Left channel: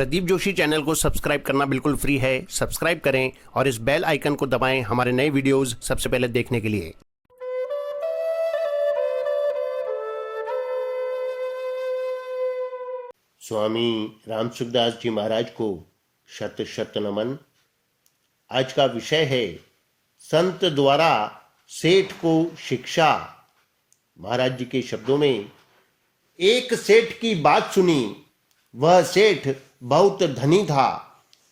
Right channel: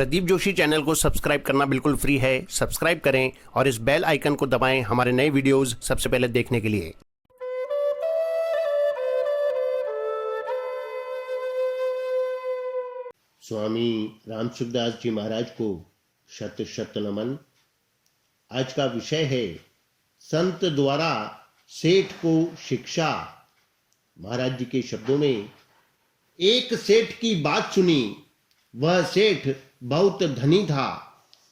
Pradeep Joshi channel को subscribe करना बिल्कुल फ्री है। सब्सक्राइब करें और इस बेल आइकन को दबाएं हमारे नए वीडियोस सबसे पहले देखने के लिए। स्वामी रामसुखदास जी महाराज को शत शत नमन। आज का विषय है संत द्वारा सेठ को शिक्षा। महाराज जी के शब्दों में, एक सेठ की बात सुनी। वह सेठ बहुत धनी था।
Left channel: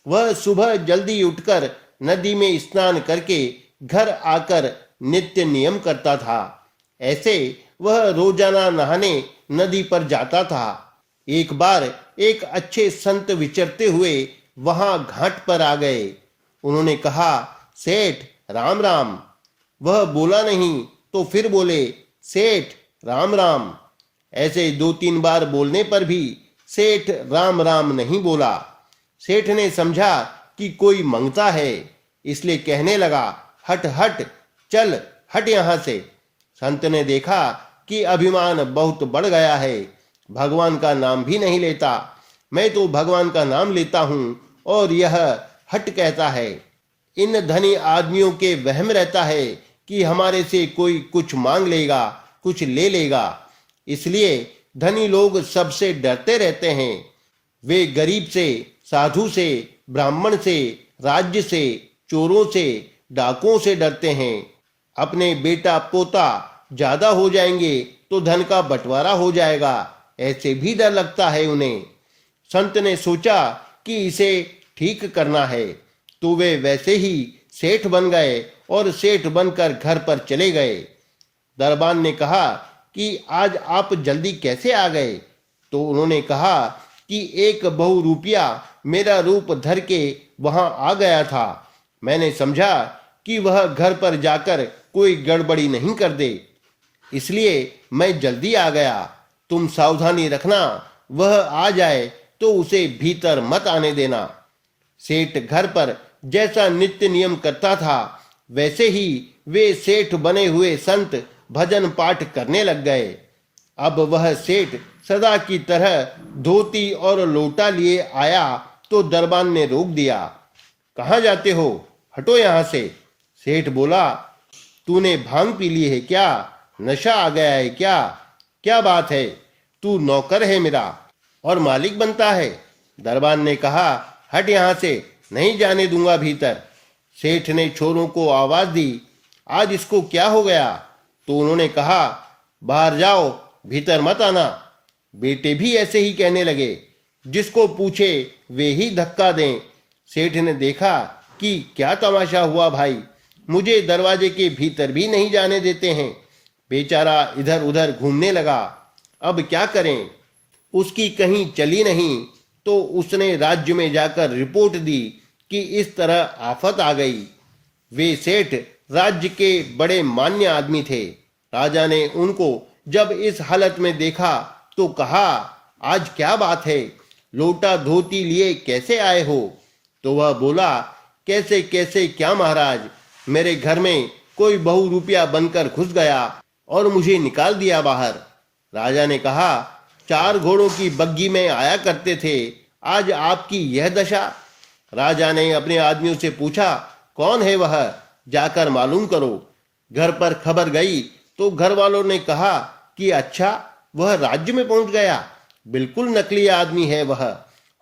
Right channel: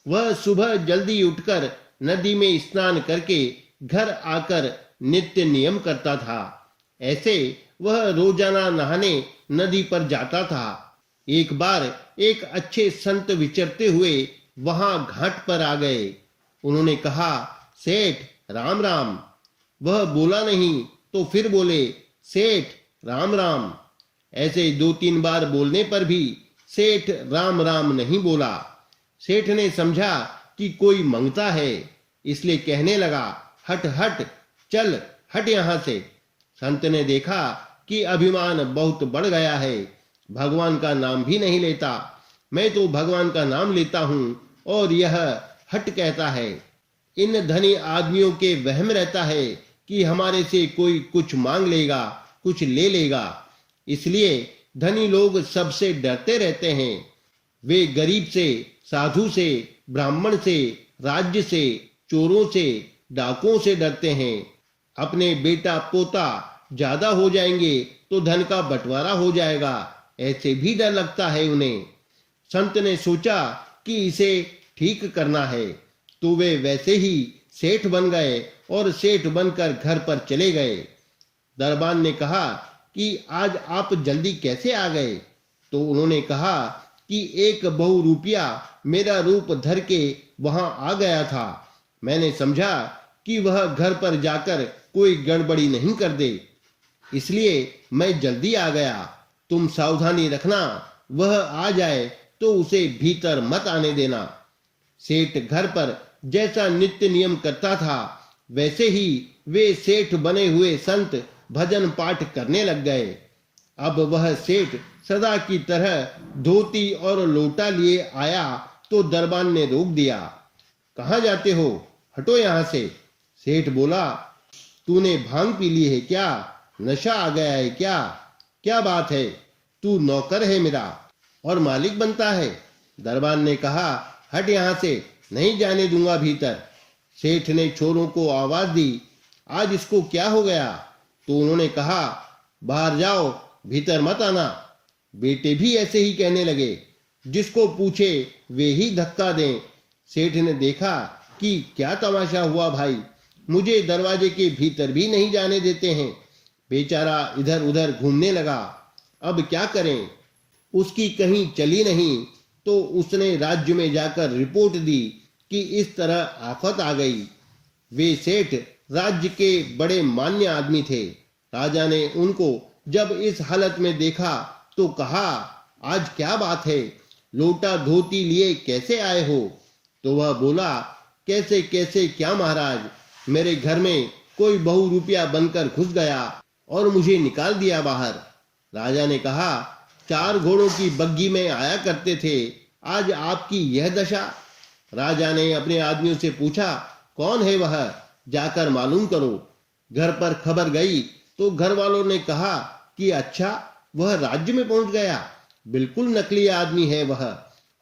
वह सुबह जल्दी उठकर नदी में स्नान करके घर आकर नित्य नियम करता था। ऐसे वह रोजाना नहाने नदी पर जाता था। एक बार एक अच्छे संत विचरते हुए वहां घाट पर आ गए। उन्होंने कहा, सेठ राम राम। वह बोला नहीं तो फिर बोले, सेठ राम राम। ऐसे 2-3 बार बोलने पर भी सेठ राम राम नहीं बोला। सेठ ने समझा कि कोई मंगता है, इसलिए कहने लगा, हट हट, चल हट यहां से। संत ने देखा कि अभिमान बहुत बढ़ गया है, भगवान का नाम भी नहीं लेता। मैं तो भगवान का नाम लेता हूं और यह हट कहता है। इन धनी आदमियों के वहम रहता है कि हमारे से कोई कुछ मांग लेगा, कुछ ले लेगा। इसलिए धनी लोग सबसे डरते रहते हैं। वे गरीब से, साधु से, ब्राह्मण से, राज्य से, चोरों से, डाकुओं से डरते हैं। अपने बेटा पोता ज्यादा हो जाएंगे तो धन का बंटवारा हो जाएगा, ऐसे भी डर लगता है उन्हें। संत ने सोचा कि इसे ठीक करना है, तो वे वैसे ही सेठ बन गए और सेठ बनकर घर पर चले गए। दरबान ने कहा कि आज आप जल्दी कैसे आ गए? तो उन्होंने कहा कि एक बहुरूपिया मेरा रूप धर के वहां आ गया था। मैंने समझा कि वह घर पर जाकर कोई गड़बड़ी नहीं कर दे, इसलिए मैं जल्दी आ गया। तुम सावधानी रखना, वह आ जाए तो उसे भीतर मत आने देना। सेठ घर पर जैसा नित्य नियम करता था, वैसे ही वे सेठ बने हुए संत भजन पाठ करने लग गए। अब वह सेठ सदा की तरह धोती और लोटा लिए आया तो दरबान ने रोक दिया। कहाँ जाते हो? हटो यहाँ से। सेठ बोला, तूने भांग पी ली है क्या? नशा आ गया है क्या? क्या बात है? तू नौकर है मेरा और मालिक बनता है। दरबान ने कहा, हट यहाँ से, नहीं जाने दूंगा भीतर। सेठ ने छोरों को आवाज दी, आज इसको क्या हो गया? तो उन्होंने कहा, बाहर जाओ, भीतर मत आना। बेटे भी ऐसे ही कहने लगे, जिसको पूछे वे ही धक्का दें। सेठ ने देखा कि क्या तमाशा हुआ भाई, मुझे दरवाजे के भीतर भी नहीं जाने देते हैं। बेचारा इधर उधर घूमने लगा। अब क्या करें? उसकी कहीं चली नहीं तो उसने राज्य में जाकर रिपोर्ट दी कि इस तरह आफत आ गई। वे सेठ राज्य के बड़े मान्य आदमी थे। राजा ने उनको जब इस हालत में देखा तो कहा, आज क्या बात है? लोटा धोती लिए कैसे आए हो? तो वह बोला, कैसे कैसे क्या महाराज, मेरे घर में कोई बहुरूपिया बनकर घुस गया और मुझे निकाल दिया बाहर। राजा ने कहा, 4 घोड़ों की बग्गी में आया करते थे, आज आपकी यह दशा। राजा ने अपने आदमियों से पूछा, कौन है वह? जाकर मालूम करो। घर पर खबर गई तो घर वालों ने कहा कि अच्छा, वह राज्य में पहुंच गया, बिल्कुल नकली आदमी है वह।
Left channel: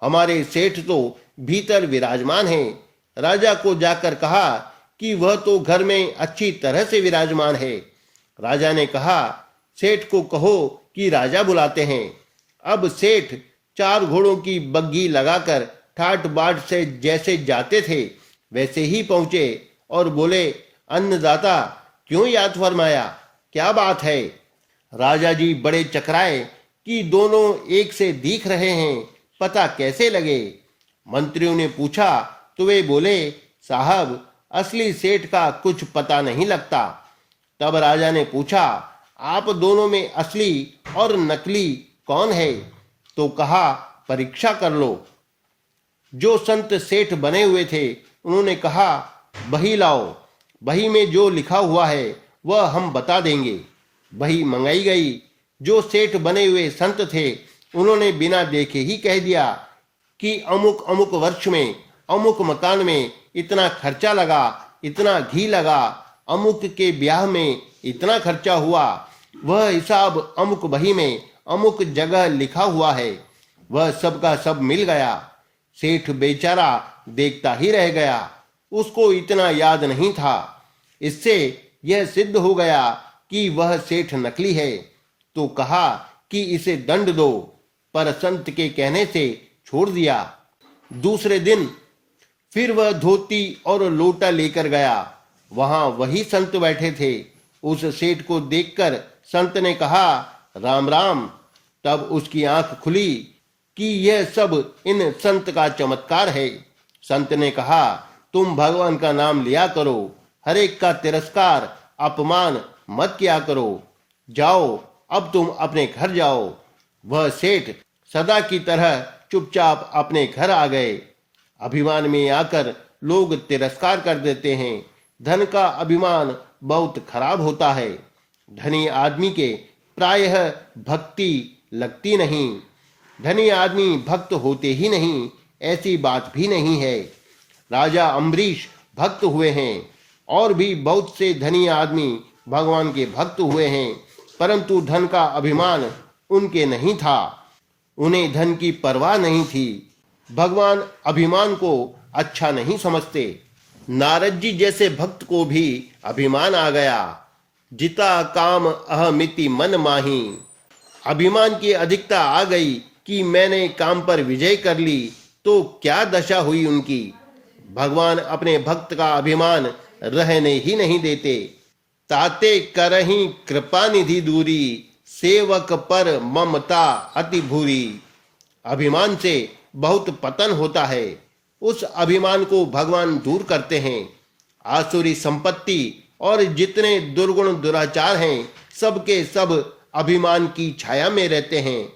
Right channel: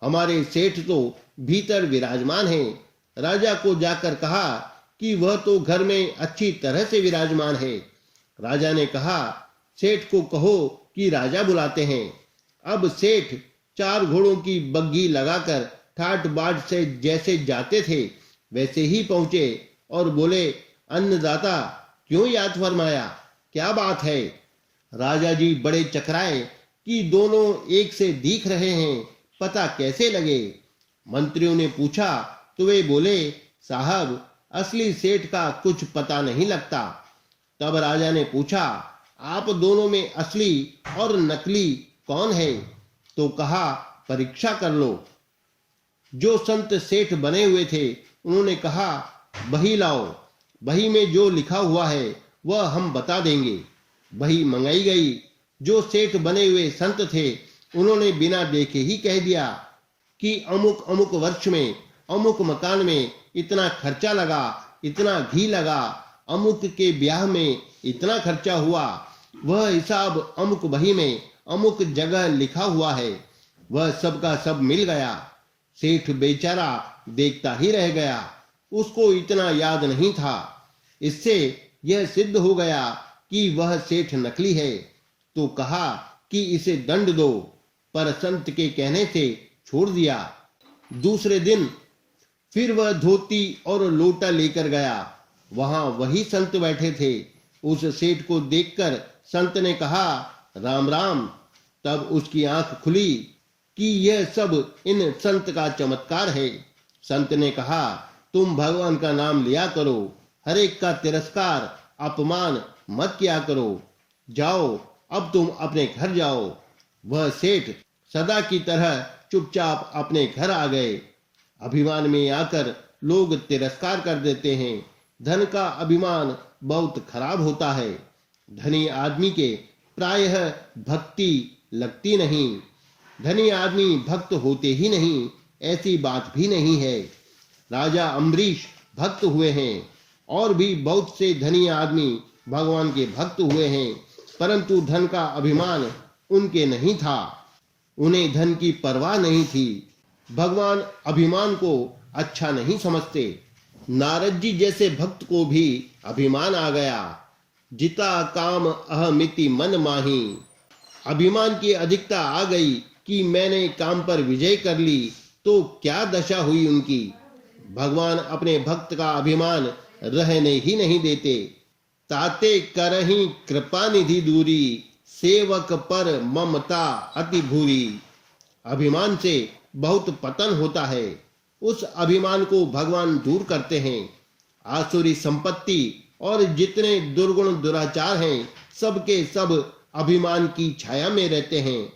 हमारे सेठ तो भीतर विराजमान है। राजा को जाकर कहा कि वह तो घर में अच्छी तरह से विराजमान है। राजा ने कहा, सेठ को कहो कि राजा बुलाते हैं। अब सेठ 4 घोड़ों की बग्गी लगाकर ठाट बाट से जैसे जाते थे वैसे ही पहुंचे और बोले, अन्नदाता क्यों याद फरमाया, क्या बात है? राजा जी बड़े चकराए कि दोनों एक से दिख रहे हैं, पता कैसे लगे? मंत्रियों ने पूछा तो वे बोले, साहब असली सेठ का कुछ पता नहीं लगता। तब राजा ने पूछा, आप दोनों में असली और नकली कौन है? तो कहा, परीक्षा कर लो। जो संत सेठ बने हुए थे उन्होंने कहा, बही लाओ, बही में जो लिखा हुआ है वह हम बता देंगे। बही मंगाई गई। जो सेठ बने हुए संत थे उन्होंने बिना देखे ही कह दिया कि अमुक अमुक वर्ष में अमुक मकान में इतना खर्चा लगा, इतना घी लगा, अमुक के ब्याह में इतना खर्चा हुआ, वह हिसाब अमुक बही में अमुक जगह लिखा हुआ है, वह सब का सब मिल गया। सेठ बेचारा देखता ही रह गया, उसको इतना याद नहीं था। इससे यह सिद्ध हो गया कि वह सेठ नकली है, तो कहा कि इसे दंड दो, पर संत के कहने से छोड़ दिया। दूसरे दिन फिर वह धोती और लोटा लेकर गया, वहां वही संत बैठे थे। उस सेठ को देखकर संत ने कहा, राम राम। तब उसकी आंख खुली कि यह सब इन संत का चमत्कार है। संत ने कहा, तुम भगवान का नाम लिया करो, हर एक का तिरस्कार अपमान मत किया करो, जाओ अब तुम अपने घर जाओ। वह सेठ सदा की तरह चुपचाप अपने घर आ गए। अभिमान में आकर लोग तिरस्कार कर देते हैं। धन का अभिमान बहुत खराब होता है। धनी आदमी के प्रायः भक्ति लगती नहीं। धनी आदमी भक्त होते ही नहीं, ऐसी बात भी नहीं है। राजा अम्बरीश भक्त हुए हैं और भी बहुत से धनी आदमी भगवान के भक्त हुए हैं, परंतु धन का अभिमान उनके नहीं था। उन्हें धन की परवाह नहीं थी। भगवान अभिमान को अच्छा नहीं समझते। नारद जी जैसे भक्त को भी अभिमान आ गया। जिता काम अहमिति मन माही। अभिमान की अधिकता आ गई कि मैंने काम पर विजय कर ली, तो क्या दशा हुई उनकी। भगवान अपने भक्त का अभिमान रहने ही नहीं देते। ताते करही कृपा निधि दूरी, सेवक पर ममता अति भूरी। अभिमान से बहुत पतन होता है। उस अभिमान को भगवान दूर करते हैं। आसुरी संपत्ति और जितने दुर्गुण दुराचार हैं, सबके सब अभिमान की छाया में रहते हैं।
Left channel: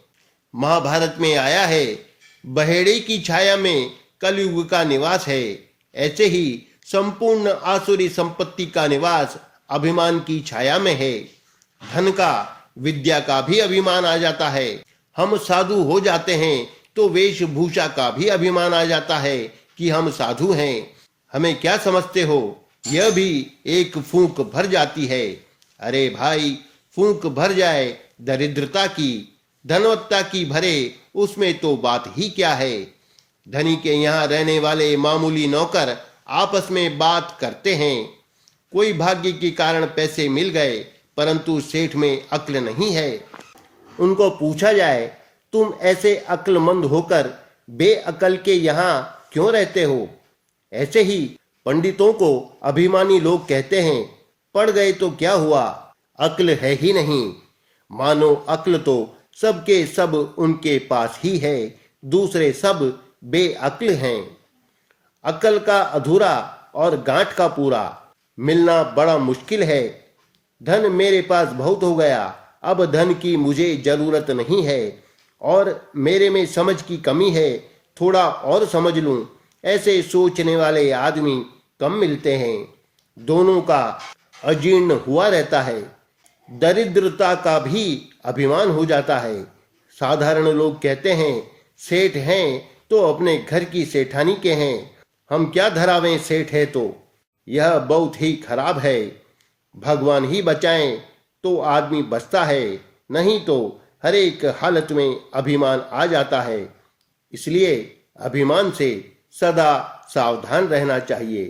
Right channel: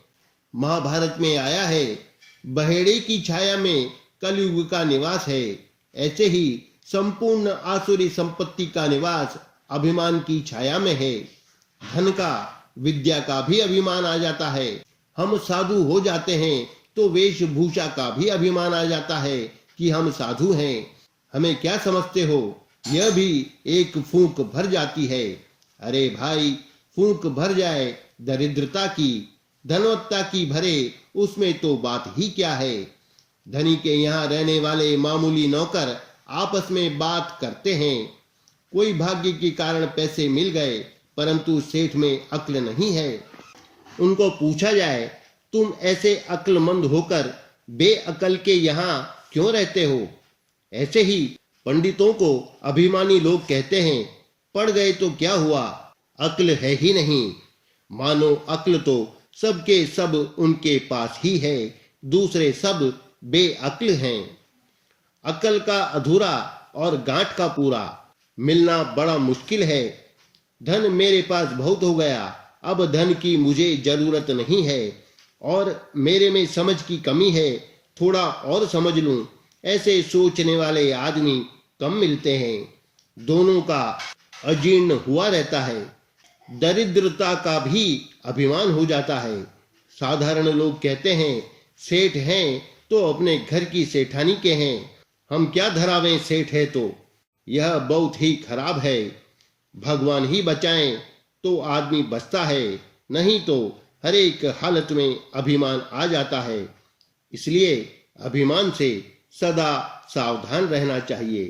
महाभारत में आया है, बहेड़े की छाया में कलयुग का निवास है। ऐसे ही संपूर्ण आसुरी संपत्ति का निवास अभिमान की छाया में है। धन का, विद्या का भी अभिमान आ जाता है। हम साधु हो जाते हैं तो वेशभूषा का भी अभिमान आ जाता है कि हम साधु हैं। हमें क्या समझते हो, यह भी एक फूंक भर जाती है। अरे भाई, फूंक भर जाए दरिद्रता की, धनवत्ता की भरे, उसमें तो बात ही क्या है। धनी के यहाँ रहने वाले मामूली नौकर आपस में बात करते हैं। कोई भाग्य के कारण पैसे मिल गए, परंतु सेठ में अक्ल नहीं है। उनको पूछा जाए, तुम ऐसे अक्लमंद होकर बेअकल के यहाँ क्यों रहते हो। ऐसे ही पंडितों को अभिमानी लोग कहते हैं, पढ़ गए तो क्या हुआ, अक्ल है ही नहीं। मानो अक्ल तो सबके सब उनके पास ही है, दूसरे सब बेअक्ल हैं। अक्ल का अधूरा और गांठ का पूरा मिलना बड़ा मुश्किल है। धन मेरे पास बहुत हो गया, अब धन की मुझे जरूरत नहीं है, और मेरे में समझ की कमी है, थोड़ा और समझ लूं। ऐसे सोचने वाले आदमी कम मिलते हैं। दोनों का अजीर्ण हुआ रहता है। दरिद्रता का भी अभिमान हो जाता है। साधारण लोग कहते हैं, सेठ हैं तो अपने घर की सेठानी के हैं, हम क्या धरावें सेठ है तो। यह बहुत ही खराब है। भगवान ही बचाएं तो आदमी बचता है, नहीं तो हर एक हालत में अभिमान आ जाता है। इसलिए अभिमान से सदा सावधान रहना चाहिए।